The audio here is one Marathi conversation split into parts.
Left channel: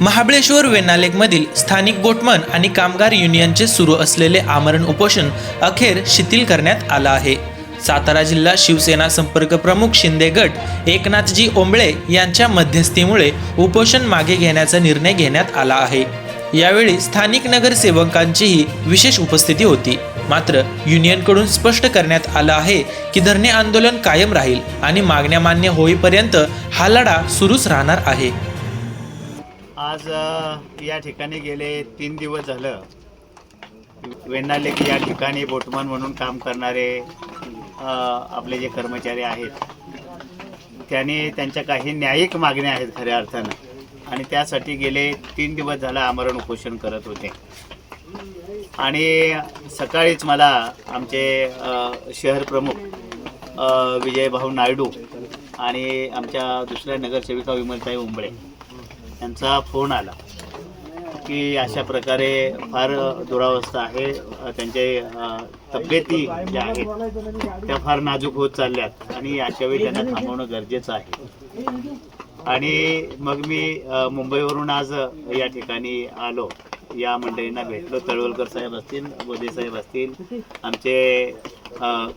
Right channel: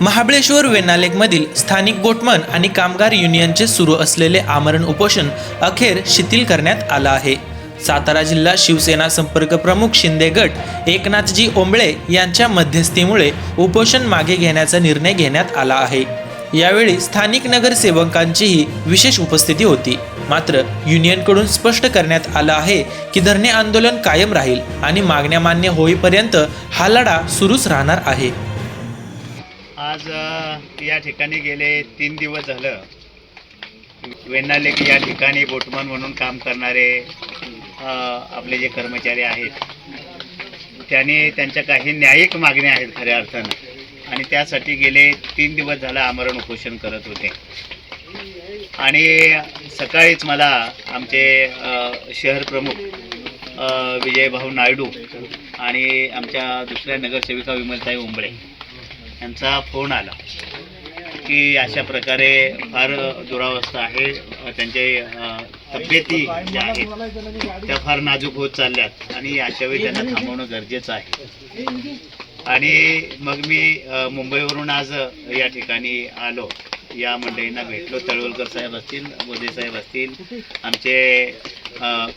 महाबळेश्वर वेनालेकमधील स्थानिक गोटमन आणि कामगार युनियनचे सुरू असलेले आमरण उपोषण अखेर शिथिल करण्यात आलं आहे. सातारा जिल्हा शिवसेना संपर्क प्रमुख शिंदे गट एकनाथजी ओंबळे यांच्या मध्यस्थीमुळे उपोषण मागे घेण्याचा निर्णय घेण्यात आला आहे. यावेळी स्थानिक नगरसेवकांचीही विशेष उपस्थिती होती. मात्र युनियनकडून स्पष्ट करण्यात आलं आहे की धरणे आंदोलन कायम राहील आणि मागण्या मान्य होईपर्यंत हा लढा सुरूच राहणार आहे. आज या ठिकाणी गेले तीन दिवस झालं. वेण्णालेक या ठिकाणी बोटमन म्हणून काम करणारे आपले जे कर्मचारी आहेत त्यांनी त्यांच्या काही न्यायिक मागण्या आहेत खऱ्या अर्थानं. आणि त्यासाठी गेले तीन दिवस झालं आमरण उपोषण करत होते. आणि सकाळीच मला आमचे शहर प्रमुख विजयभाऊ नायडू आणि आमच्या दुसऱ्या नगरसेविका विमलताई उंबळे यांचा फोन आला की अशा प्रकारे फार दुरावस्था आहे. त्यांचे तब्येती ज्या आहेत त्या फार नाजूक होत चालल्यात आणि अशा वेळी त्यांना थांबवणं गरजेचं आहे. आणि मग मी मुंबईवरून आज या ठिकाणी आलो. या मंडळींना भेटलो. तळवलकर साहेब असतील बोधे साहेब असतील आमचे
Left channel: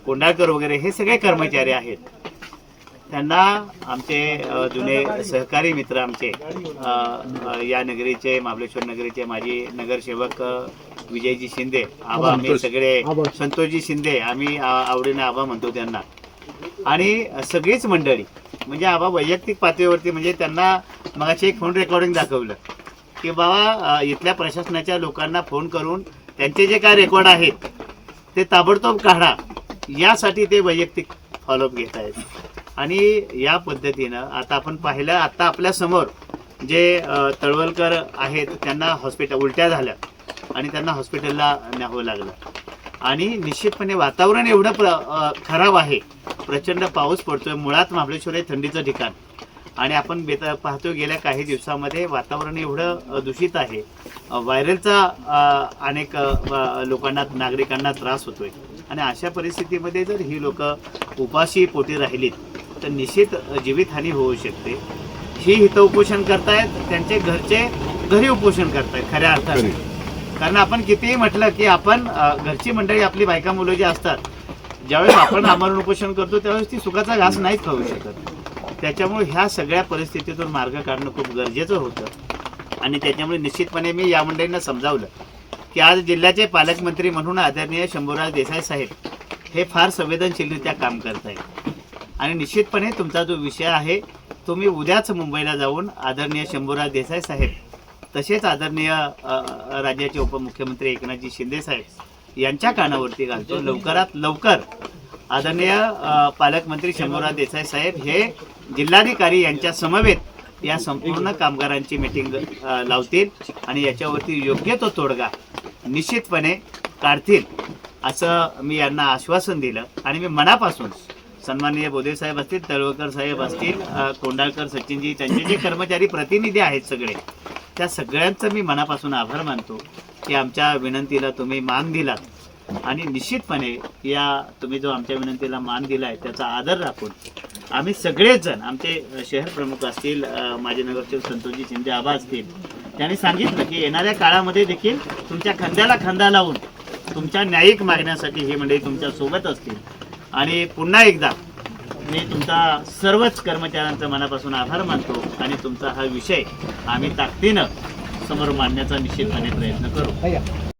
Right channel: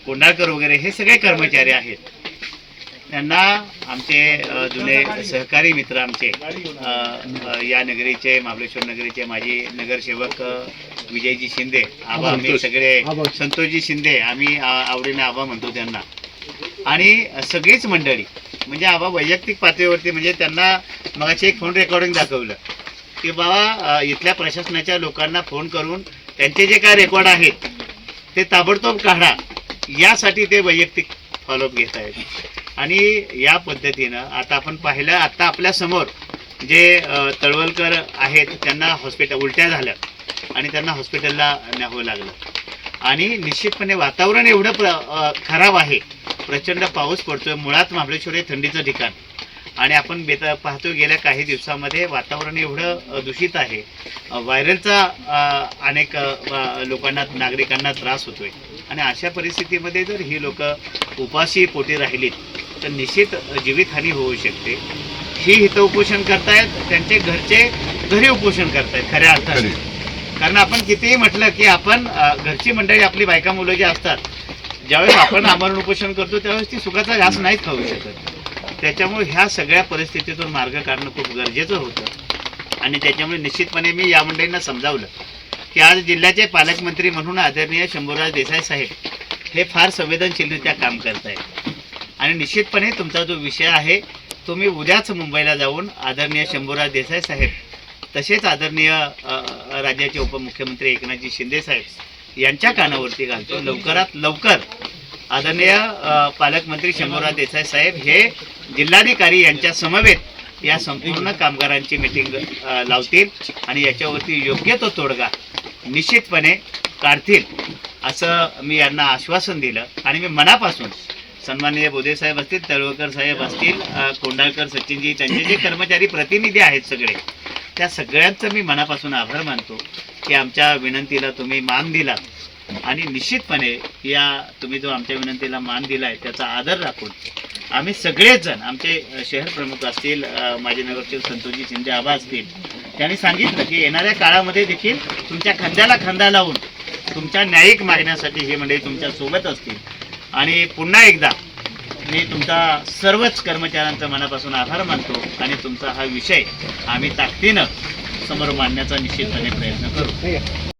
कोंडाळकर वगैरे हे सगळे कर्मचारी आहेत. त्यांना आमचे जुने सहकारी मित्र आमचे या नगरीचे महाबळेश्वर नगरीचे माजी नगरसेवक विजयजी शिंदे आबा आम्ही सगळे संतोषजी शिंदे आम्ही आवडीने आबा म्हणतो त्यांना. आणि सगळीच मंडळी म्हणजे आबा वैयक्तिक पातळीवरती म्हणजे त्यांना मगाशी एक फोन रेकॉर्डिंग दाखवलं. की बाबा इथल्या प्रशासनाच्या लोकांना फोन करून त्यांचे जे काय रेकॉर्ड आहेत ते ताबडतोब काढा. यासाठी ते वैयक्तिक फॉलोअप घेत आहेत. आणि या पद्धतीनं आता आपण पाहिलं आता आपल्यासमोर जे तळवलकर आहेत त्यांना हॉस्पिटल उलट्या झाल्या आणि त्यांना हॉस्पिटलला न्यावं लागलं. आणि निश्चितपणे वातावरण एवढं प्र खराब आहे प्रचंड पाऊस पडतोय मुळात महाबळेश्वर हे थंडीचं ठिकाण. आणि आपण बेत पाहतो गेल्या काही दिवसामध्ये वातावरण एवढं दूषित आहे व्हायरलचा अनेक लोकांना नागरिकांना त्रास होतोय. आणि अशा परिस्थितीमध्ये जर ही लोक उपाशी पोटी राहिलीत तर निश्चित जीवितहानी होऊ शकते. ही हित उपोषण करतायत त्यांचे घरचे घरी उपोषण करतायत खऱ्या अर्थाने. कारण आपण कितीही म्हटलं की आपण घरची मंडळी आपली बायका मुलं जी असतात ज्यावेळेस आपण आमरण उपोषण करतो त्यावेळेस ती सुखाचा घास नाहीच खाऊ शकत. त्याच्यामुळे ह्या सगळ्या परिस्थितीतून मार्ग काढणं खूप गरजेचं होतं. आणि त्याच्यामुळे निश्चितपणे मी या मंडळींना समजावलं की आज जिल्ह्याचे पालकमंत्री म्हणून आदरणीय शंभूराज देसाई साहेब हे फार संवेदनशीलरित्या काम करत आहेत आणि निश्चितपणे तुमचा जो विषय आहे तो मी उद्याच मुंबईला जाऊन आदरणीय शंभूराज देसाई साहेब तसेच आदरणीय राज्याचे उपमुख्यमंत्री एकनाथजी शिंदे साहेब यांच्या कानावरती घालतो. लवकरात लवकर आदरणीय पालकमंत्री शंभूराज देसाई साहेब हे जिल्हाधिकारी यांच्या समवेत या संपूर्ण कामगारांची मिटिंग लावतील आणि याच्यावरती योग्य तो तोडगा निश्चितपणे काढतील असं मी यांना आश्वासन दिलं. आणि मी मनापासून सन्माननीय बोधे साहेब असतील तळवकर साहेब असतील कोंडाळकर सचिनजी त्यांचे जे कर्मचारी प्रतिनिधी आहेत सगळे त्या सगळ्यांचं मी मनापासून आभार मानतो की आमच्या विनंतीला तुम्ही मान दिला आणि निश्चितपणे या तुम्ही जो आमच्या विनंतीला मान दिला आहे त्याचा आदर राखून आम्ही सगळेच जण आमचे शहर प्रमुख असतील माजी नगरचे संतोषजी शिंदे आबा असतील त्यांनी सांगितलं की येणाऱ्या काळामध्ये देखील तुमच्या खांद्याला खांदा लावून तुमच्या न्यायिक मागण्यासाठी हे मंडळी तुमच्यासोबत असतील. आणि पुन्हा एकदा मी तुमचा सर्वच कर्मचाऱ्यांचा मनापासून आभार मानतो आणि तुमचा हा विषय आम्ही ताकदीनं समोर मांडण्याचा निश्चितपणे प्रयत्न करू.